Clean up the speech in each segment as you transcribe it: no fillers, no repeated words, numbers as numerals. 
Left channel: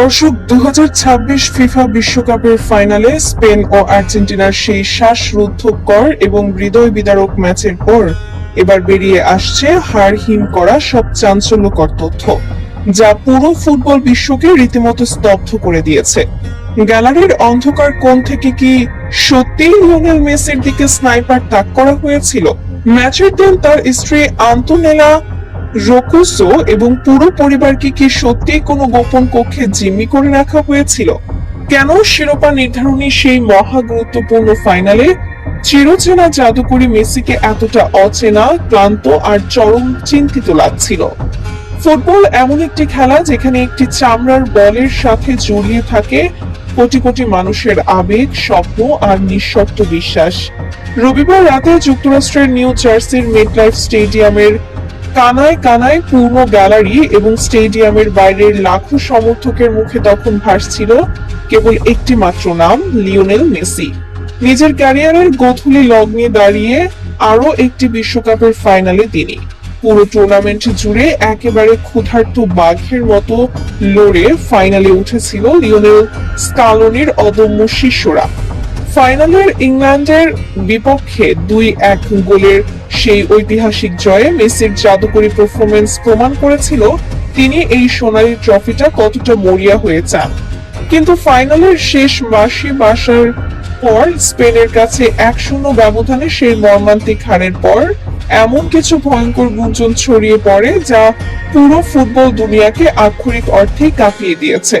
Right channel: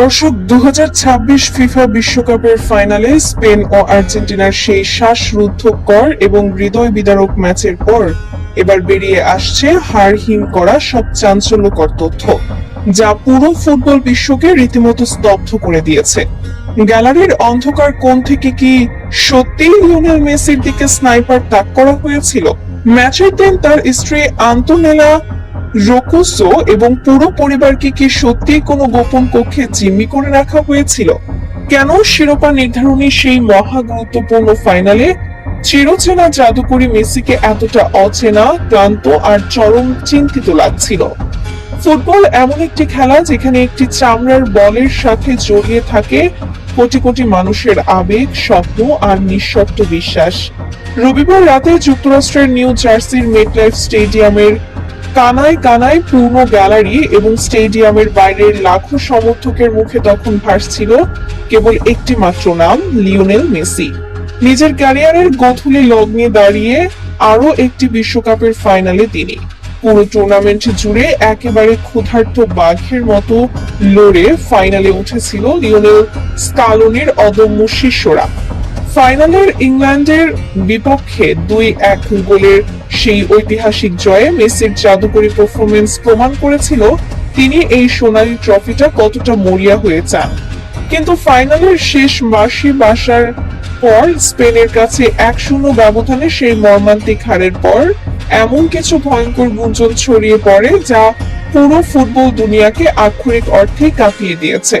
দর্শক, 2026 ফিফা বিশ্বকাপের ফাইনালে স্পেন ও আর্জেন্টিনার সেই শ্বাসরুদ্ধকর এবং হৃদয় বিদারক ম্যাচের পর এবার বেরিয়ে আসছে হাড়হিম করা সব চাঞ্চল্যকর তথ্য, যা পুরো ফুটবল বিশ্বকে রীতিমতো স্তব্ধ করে দিয়েছে। গ্যালারির অন্ধকার কোণ থেকে কি সত্যি লিওনেল মেসির দিকে স্নাইপার তাক করা হয়েছিল? ম্যাচের দিন তার স্ত্রী আন্তোনেলা রোকোসো এবং পুরো পরিবারকে কি সত্যি কোনো গোপন কক্ষে জিম্মি করে রাখা হয়েছিল? কেন শিরোপা নির্ধারণী সেই মহা গুরুত্বপূর্ণ ফাইনালে চিরচেনা জাদুকরী মেসিকে এতটা অচেনা, ক্লান্ত আর চরম চিন্তিত লাগছিল? ফুটবল এমন একটি খেলা যেখানে একটি চামড়ার বলের সাথে জড়িয়ে থাকে কোটি কোটি মানুষের আবেগ, স্বপ্ন আর নিঃশর্ত বিশ্বাস। রবিবার রাতে যুক্তরাষ্ট্রের নিউ জার্সির মেটলাইফ স্টেডিয়ামের কানায় কানায় পূর্ণ গ্যালারি এবং স্টেডিয়ামের বাইরের লাখো সমর্থকের মুখে তখন ভাসছিল কেবল একটি মাত্র নাম, লিওনেল মেসি। নিজের ক্যারিয়ারের গোধূলি লগ্নে দাঁড়িয়ে আরো একটি বিশ্বকাপের ফাইনালে তিনি পুরো টুর্নামেন্ট জুড়ে একেবারে ক্ষুধার্ত বাঘের মতো লড়ে ফাইনালে উঠেছিল লিওনেল স্কালোনির অদম্য শিষ্যরা। ফাইনালের ইংল্যান্ডের বিপক্ষে 2-1 গোলের সেই ঐতিহাসিক জয়ে মেসির জাদুকরী পারফরমেন্স প্রমাণ করেছিল তিনি এই সোনালী ট্রফিটা কতটা মরিয়া হয়ে চান। কিন্তু ফাইনালের শেষ বাঁশি বাসার পর স্পেনের কাছে 1-0 ব্যবধানে সেই মর্মান্তিক হারের পর এমন কিছু ভয়ঙ্কর গুঞ্জন ছড়িয়ে পড়ে যা পুরো ফুটবল দুনিয়াকে আক্ষরিক অর্থেই কাঁপিয়ে দিয়েছে।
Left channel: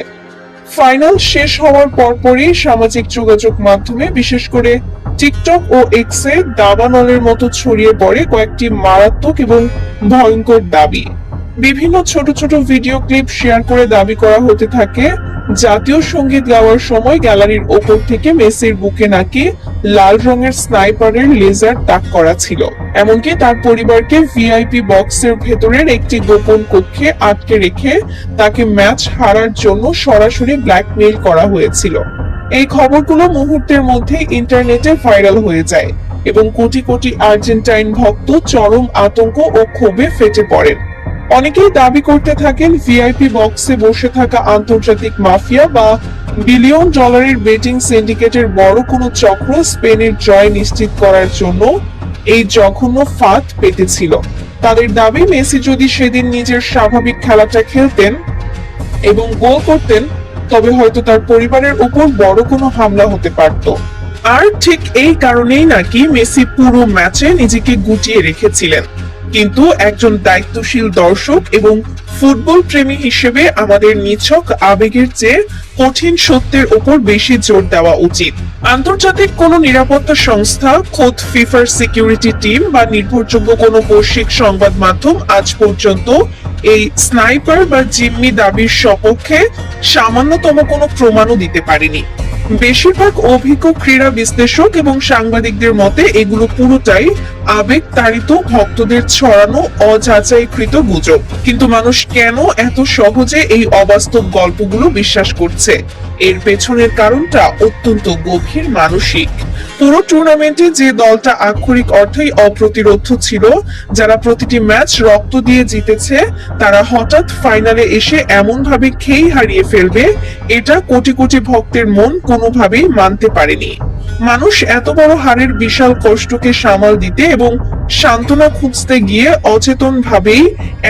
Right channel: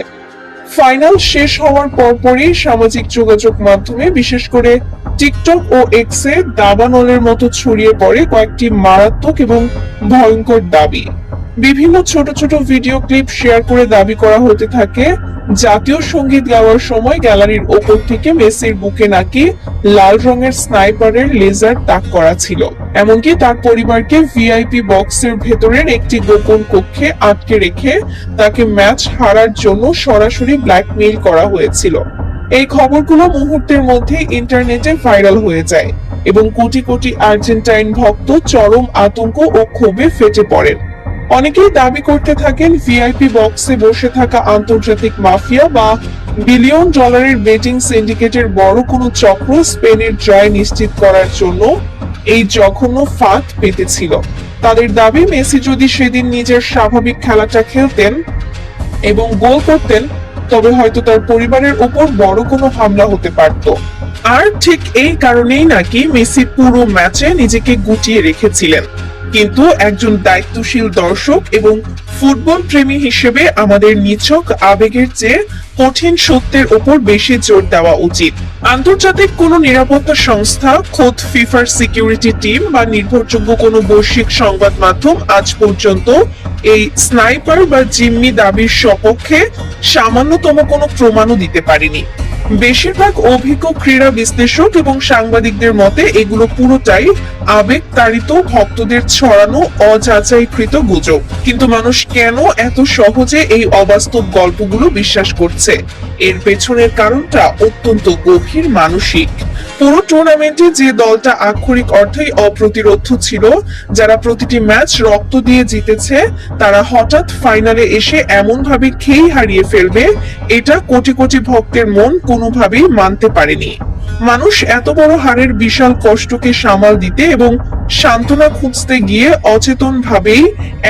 ফাইনাল শেষ হওয়ার পরপরই সামাজিক যোগাযোগ মাধ্যমে, বিশেষ করে টিকটক ও এক্সে দাবানলের মতো ছড়িয়ে পড়ে কয়েকটি মারাত্মক এবং ভয়ঙ্কর দাবি। বিভিন্ন ছোট ছোট ভিডিও ক্লিপ শেয়ার করে দাবি করা হতে থাকে জাতীয় সঙ্গীত গাওয়ার সময় গ্যালারির ওপর থেকে মেসির বুকে নাকি লাল রঙের স্নাইপারের লেজার তাক করা ছিল। এমনকি তার পরিবারকে ভিআইপি বক্সের ভেতরের একটি গোপন কক্ষে আটকে রেখে তাকে ম্যাচ হারার জন্য সরাসরি ব্ল্যাকমেইল করা হয়েছিল। এই খবরগুলো মুহূর্তের মধ্যে ইন্টারনেটে ভাইরাল হয়ে যায় এবং কোটি কোটি আর্জেন্টাইন ভক্ত চরম আতঙ্ক ও ক্ষোভে ফেটে পড়েন। অনেকেই দাবি করতে থাকেন ভিআইপি বক্সে বসে থাকা আন্তর্জাতিক মাফিয়া বা বিলিয়ন ডলারের বেটিং সিন্ডিকেটের বড় কোনো চক্র স্পেনের জয় নিশ্চিত করার জন্য এই জঘন্য ফাঁদ পেতেছিল। তাদের দাবি, মেসি যদি সেদিন নিজের স্বাভাবিক খেলাটা খেলতেন এবং গোল করতেন তবে হয়তো তার পরিবারের উপর বড় কোনো হামলা হতে পারত। আর ঠিক এই কারণেই নাকি মেসি পুরো ম্যাচে নিজেকে গুটিয়ে রেখেছিলেন। কিন্তু একজন দায়িত্বশীল দর্শক এবং ফুটবল প্রেমী হিসেবে আমাদের নিছক আবেগের চেয়ে কঠিন সত্যের উপর বেশি জোর দেওয়া উচিত। আন্তর্জাতিক কোন নিরাপত্তা সংস্থা, খোদ ফিফার সিকিউরিটি টিম বা নির্ভরযোগ্য কোন বৈশ্বিক সংবাদ মাধ্যম আজ পর্যন্ত এই স্নাইপার বা জিম্মি দাবির সপক্ষে সামান্যতম কোনো প্রমাণও দিতে পারেনি। বেশিরভাগ অভিজ্ঞ ক্রীড়া বিশ্লেষক এবং সাংবাদিকদের মতে এগুলো পুরোটাই আবেগ তাড়িত, ভক্তদের ছড়ানো অযাচাইকৃত গুজব। কিন্তু মানুষ কেন এত সহজে এই অবাস্তব গল্পগুলো বিশ্বাস করছে? এর পেছনের কারণটা অত্যন্ত গভীর মানসিক। পুরো টুর্নামেন্টে যে দলটা আক্ষরিক অর্থেই অপ্রতিরোধ্য ছিল, যারা প্রতিটি ম্যাচ রক্ত দিয়ে জিতেছে, তারা হঠাৎ ফাইনালে এসে এমন ভাবে খেই হারিয়ে ফেলবে, এটা কোটি কোটি ভক্তের মন কোনোভাবেই মানতে পারেনি। মানুষ এত বড় হারের বিশাল কষ্টকে সামাল দিতে এবং সান্ত্বনা খুঁজতে গিয়ে অচেতন ভাবেই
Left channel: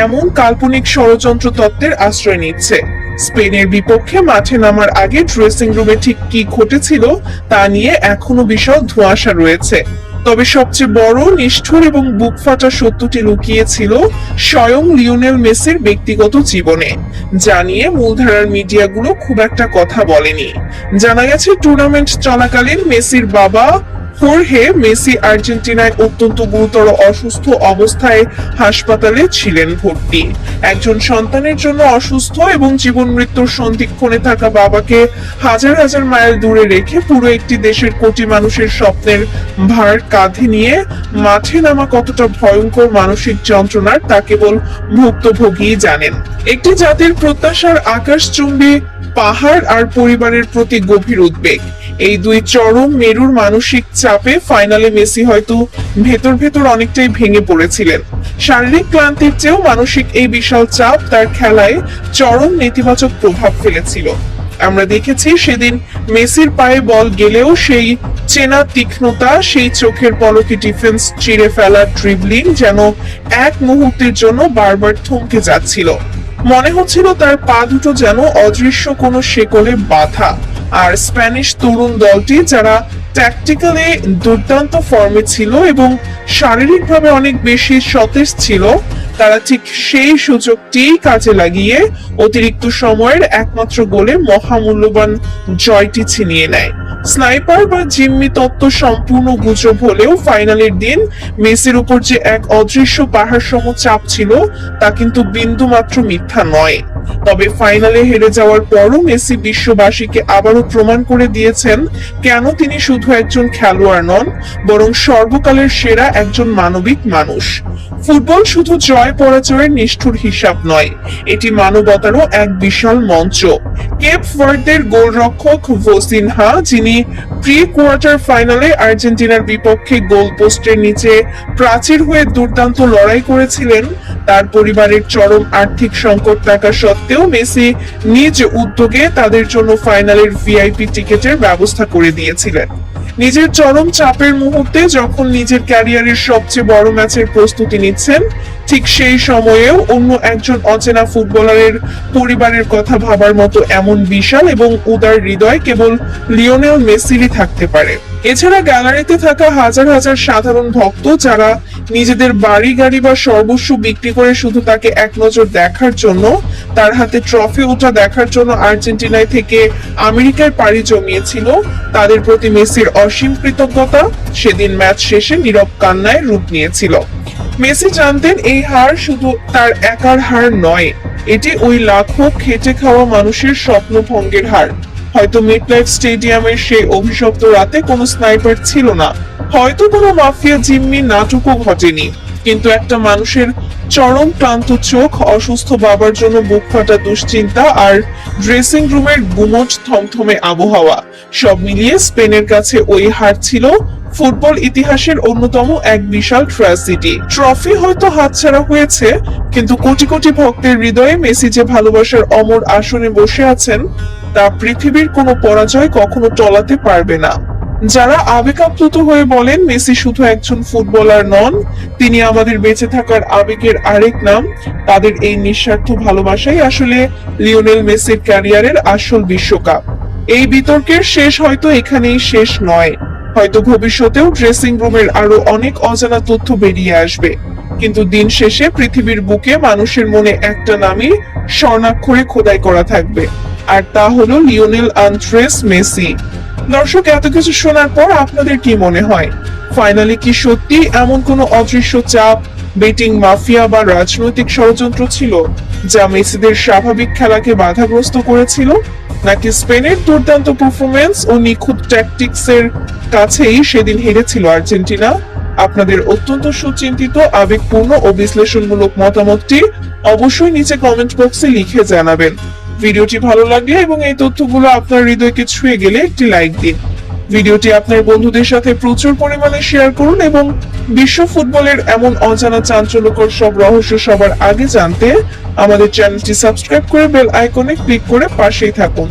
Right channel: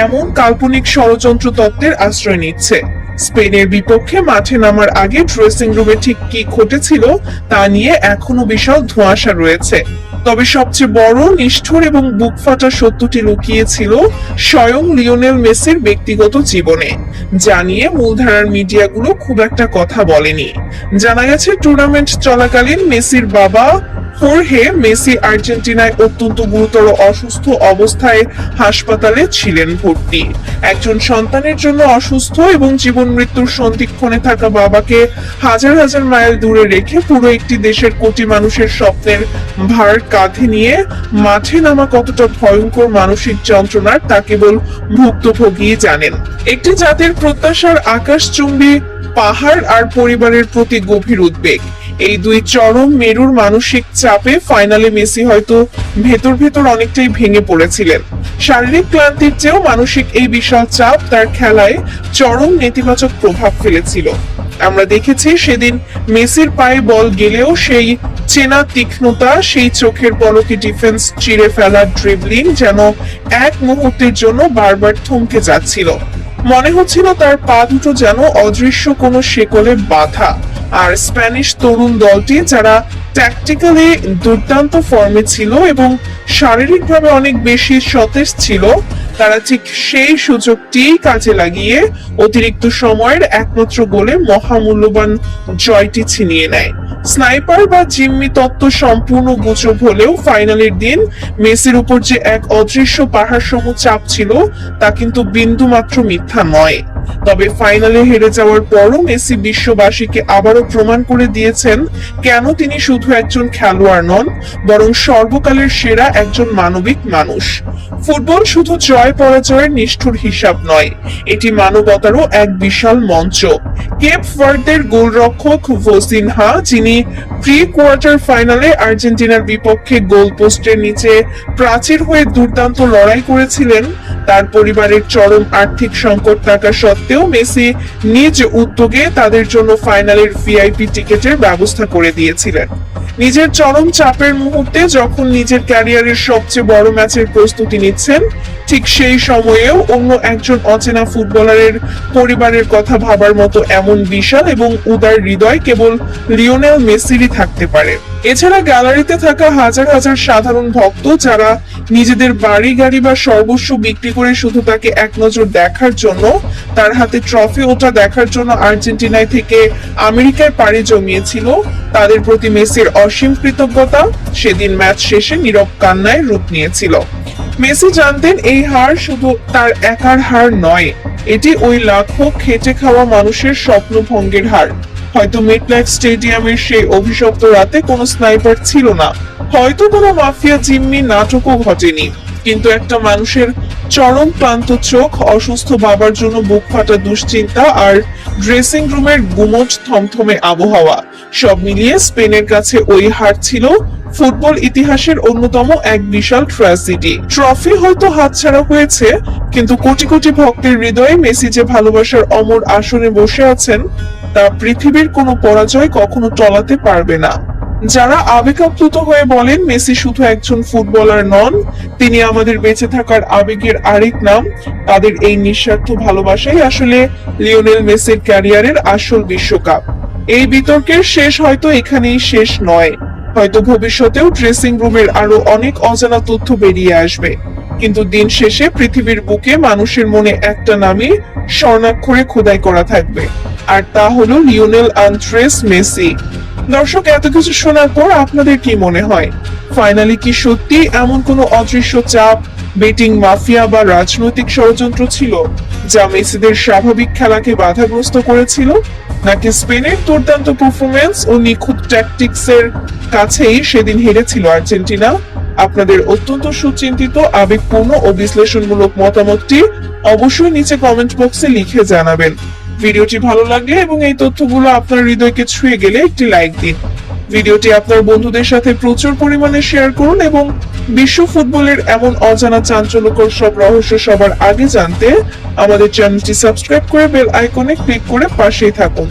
এমন কাল্পনিক ষড়যন্ত্র তত্ত্বের আশ্রয় নিচ্ছে। স্পেনের বিপক্ষে মাঠে নামার আগে ড্রেসিং রুমে ঠিক কি ঘটেছিল তা নিয়ে এখনো বিশাল ধোঁয়াশা রয়েছে। তবে সবচেয়ে বড়, নিষ্ঠুর এবং বুক ফাটা সত্যটি লুকিয়েছিল স্বয়ং লিওনেল মেসির ব্যক্তিগত জীবনে, যা নিয়ে মূলধারার মিডিয়াগুলো খুব একটা কথা বলেনি। জানা গেছে টুর্নামেন্ট চলাকালীন মেসির বাবা হোর্হে মেসি আর্জেন্টিনায় অত্যন্ত গুরুতর অসুস্থ অবস্থায় হাসপাতালে ছিলেন ভর্তি। একজন সন্তানের জন্য অসুস্থ এবং জীবন মৃত্যুর সন্ধিক্ষণে থাকা বাবাকে হাজার হাজার মাইল দূরে রেখে পুরো একটি দেশের কোটি মানুষের স্বপ্নের ভার কাঁধে নিয়ে মাঠে নামা কতটা ভয়ঙ্কর মানসিক যন্ত্রণার তা কেবল ভুক্তভোগী জানেন। একটি জাতির প্রত্যাশার আকাশচুম্বী পাহাড় আর পরিবারের প্রতি গভীর উদ্বেগ, এই দুই চরম মেরুর মানসিক চাপে ফাইনালে মেসি হয়তো ভেতর ভেতর অনেকটাই ভেঙে পড়েছিলেন। শারীরিক ক্লান্তির চেয়েও মানসিক এই বিশাল চাপ তার খেলায় চরম নেতিবাচক প্রভাব ফেলেছিল। আমরা দেখেছি সেদিন মেসির পায়ে বল গেলেও সেই চেনা তীক্ষ্ণতা, সেই চোখের পলকে ডিফেন্স চিরে ফেলার ড্রিবলিং যেন এক মুহূর্তের জন্য বারবার থমকে যাচ্ছিল। মনে হচ্ছিল তার পা দুটো যেন অদৃশ্য কোনো শেকলে বাঁধা। আর স্প্যানিশ তরুণ দলটি যারা ট্যাকটিক্যালি দুর্দান্ত ফর্মে ছিল এবং শারীরিকভাবে অনেক বেশি সতেজ ছিল, তারা ঠিক সেই সুযোগটি কাজে লাগিয়ে অতিরিক্ত সময়ের একমাত্র গোলে মহামূল্যবান জয়টি ছিনিয়ে নেয়। স্নাইপার বা জিম্মি তত্ত্ব সম্পূর্ণ গুজব হলেও ফাইনালের দিন মেসির উপর যে এক অদৃশ্য পাহাড় সম চাপ ছিল তা কিন্তু বিন্দু মাত্র মিথ্যা নয়। তবে ফাইনালে হেরে যাওয়ার পরও মেসি বিশ্ববাসীকে আবারও প্রমাণ করে দিয়েছেন কেন তিনি শুধু একজন খেলোয়াড় নন, বরং সর্বকালের সেরা একজন মানবিক মানুষ। ফুটবল শুধু জয় পরাজয়ের নিষ্ঠুর হিসাব নয়, এটি মানবতারও এক বিশাল মঞ্চ। কেপ ভার্দের গোলরক্ষক ভোসিনহা, যিনি প্রি কোয়ার্টার ফাইনালে আর্জেন্টিনার বিপক্ষে গোল পোস্টের নিচে প্রাচীর হয়ে দুর্দান্ত লড়াই করেছিলেন, তার পরিবারের চরম আর্থিক সংকট থাকা সত্ত্বেও মেসি নিজ উদ্যোগে তাদের জন্য ফাইনালের ভিআইপি টিকেটের ব্যবস্থা করে দিয়েছিলেন। নিজের চরম চাপের মুহূর্তে যখন নিজের ক্যারিয়ারের সবচেয়ে বড় ম্যাচের প্রস্তুতি নিচ্ছেন, ঠিক সেই সময়েও অন্য একজন অচেনা ফুটবলারের পরিবারের কথা ভাবার মতো এমন বিশাল এবং উদার হৃদয় কেবল লিওনেল মেসিরই থাকতে পারে। এছাড়া গ্যালারিতে থাকা হাজার হাজার সাধারণ ভক্ত যারা নিজেদের বাড়ি গাড়ি বা সর্বস্ব বিক্রি করে শুধু তাকে এক নজর দেখার জন্য, তার হাতে ট্রফি ওটা দেখার জন্য আর্জেন্টিনায় থেকে আমেরিকায় পাড়ি জমিয়েছিল, তাদের প্রতি মেসির অসীম কৃতজ্ঞতা সেদিন ম্যাচ শেষে নীরব কান্নায় রূপ নিয়েছিল। মেসি জানতেন এই হার শুধু তার একার হার নয়, এটি ওই লাখো খেটে খাওয়া মানুষের স্বপ্নভঙ্গের হার। হয়তো মিডনাইট স্টেডিয়ামের সেই অভিশপ্ত রাতে কোনো স্নাইপার ছিল না, হয়তো কোনো মাফিয়া জিম্মি নাটকও ঘটেনি, কিন্তু একটা মানুষের চরম ক্লান্ত চোখ, অসুস্থ বাবার জন্য বুক ফাটা দুশ্চিন্তা আর ড্রেসিং রুমের গুমোট থমথমে আবহাওয়া, সব মিলিয়ে স্পেনের কাছে ওই হার ছিল ফুটবল ইতিহাসের অন্যতম এক বিশাল ট্র্যাজেডি। ট্রফি হয়তো হাতছাড়া হয়েছে, কিন্তু কোটি কোটি ভক্তের হৃদয়ে মেসি যে ভালোবাসার অমর আসনে বসে আছেন তা পৃথিবীর কোনো পরাজয় কখনো টলাতে পারবে না। যারা আবেগাপ্লুত হয়ে বলেন মেসি শুধু একজন ফুটবলার নন, তিনি আমাদের বেঁচে থাকার আবেগের আরেক নাম, তাদের এই নিঃস্বার্থ ভালোবাসাই আসলে লিওনেল মেসির ক্যারিয়ারের আসল বিশ্বকাপ। এই বিতর্কের শেষ হয়তো এখানেই শেষ নয়, হয়তো ভবিষ্যতেও ড্রেসিং রুমের আরো অনেক অজানা তথ্য বেরিয়ে আসবে, কিন্তু দিন শেষে পৃথিবীর বুকে মানুষের মনে একটা নামই স্বর্ণাক্ষরে খোদাই করা থাকবে, আর তা হলো লিওনেল আন্দ্রেস মেসি। দর্শক, এত কিছু শোনার পর আপনাদের কি মনে হয়? ফাইনালে কি সত্যি এমন কোনো অদৃশ্য চাপ, বেটিং মাফিয়া বা রাজনৈতিক ষড়যন্ত্র ছিল যা মেসিদের স্বাভাবিক খেলাকে বাধাগ্রস্ত করেছিল, নাকি স্পেনের দুর্দান্ত পারফরমেন্স ও নিখুঁত ট্যাকটিক্সের কাছেই সেদিন হেরেছিল আর্জেন্টিনা? আপনাদের অত্যন্ত সুচিন্তিত, আবেগপূর্ণ ও বিশ্লেষণমূলক মতামতটি অবশ্যই নিচে কমেন্ট বক্সে লিখে জানাবেন। ভিডিওটি ভালো লাগলে এবং এই তথ্যগুলো আপনার হৃদয়কে ছুঁয়ে গেলে একটি লাইক দিন। ভিডিওটি আপনার বন্ধুদের সাথে প্রচুর পরিমাণে শেয়ার করুন এবং বিশ্ব ফুটবলের এমন অজানা চাঞ্চল্যকর সব রহস্য সবার আগে জানতে আমাদের চ্যানেলটি সাবস্ক্রাইব করে বেল আইকনে ক্লিক করে পাশেই থাকুন।